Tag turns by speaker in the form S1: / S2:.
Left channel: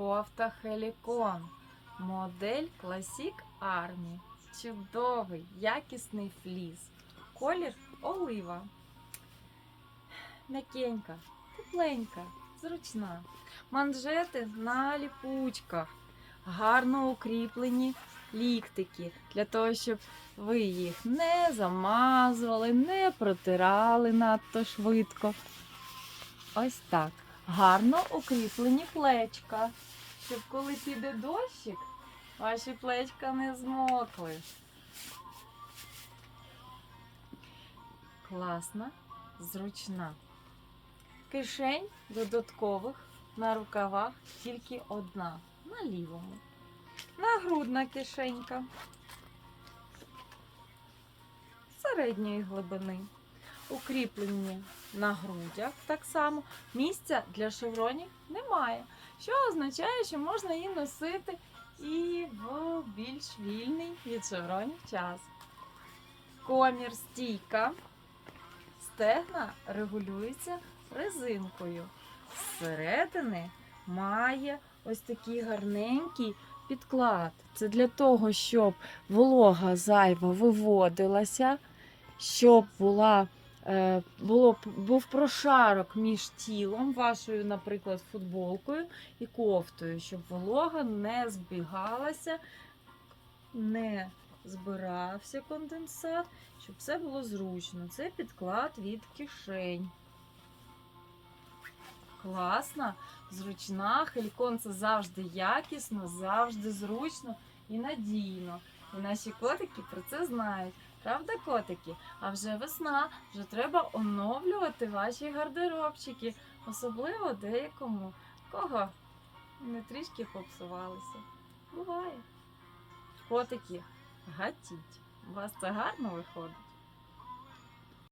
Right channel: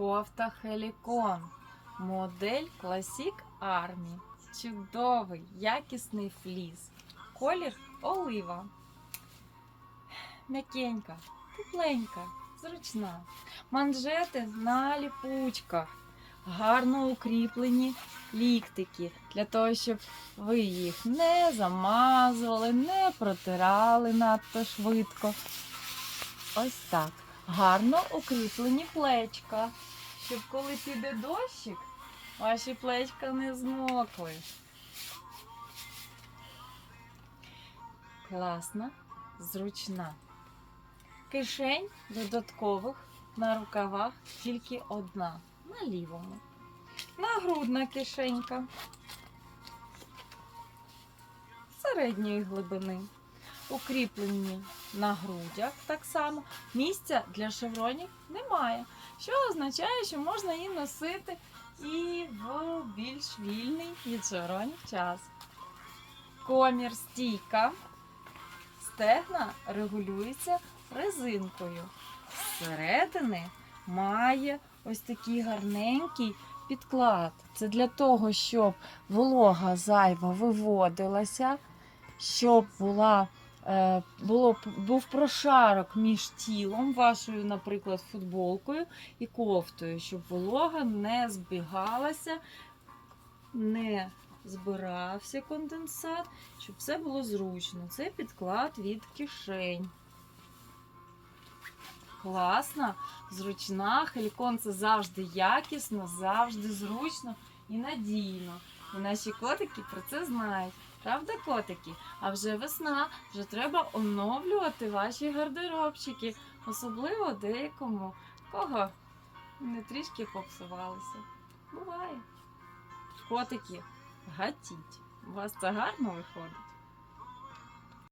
S1: Кофта Хелікон. Модель Classic Army. Чудовий, якісний фліс. Колір олива. М'якенька, тепленька, зручна. Манжети на ліпучках. Гарно укріплені ліктики для того, щоб ви їх не замазували, не протирали надто швидко. Ось так. Гарно укріплені плечка, щоб коли піде дощик, ваші плечка не змокли. Класна, зручна. Кишень додаткових на рукавах тільки одна на лівому. Нагрудна кишенька середньої глибини. Укріплені на грудях так само. Місця для шевронів немає, що означає, що можна її носити і в більш вільний від шевронів час. Комір стійка. Стегна регулюється резинкою. Зсередини має ось такий гарненький підклад. Це для того, щоб волога зайва виводилася, щоб була, було, був прошарок між тілом, вашою, наприклад, футболкою і кофтою, щоб волога не збігалася, не збирався конденсат, щоб все було зручно. Це підклад від кишень. Класна, зручна. Хелікон це завжди якісно, завжди зручно і надійно. І наші котики про це знають. Правда, котики? А вже весна, вже треба оновлювати ваші гардеробчики, особливо деякому, кого не трішки попсувалися. Буває. Котики, гатіть. У вас це гарно виходить.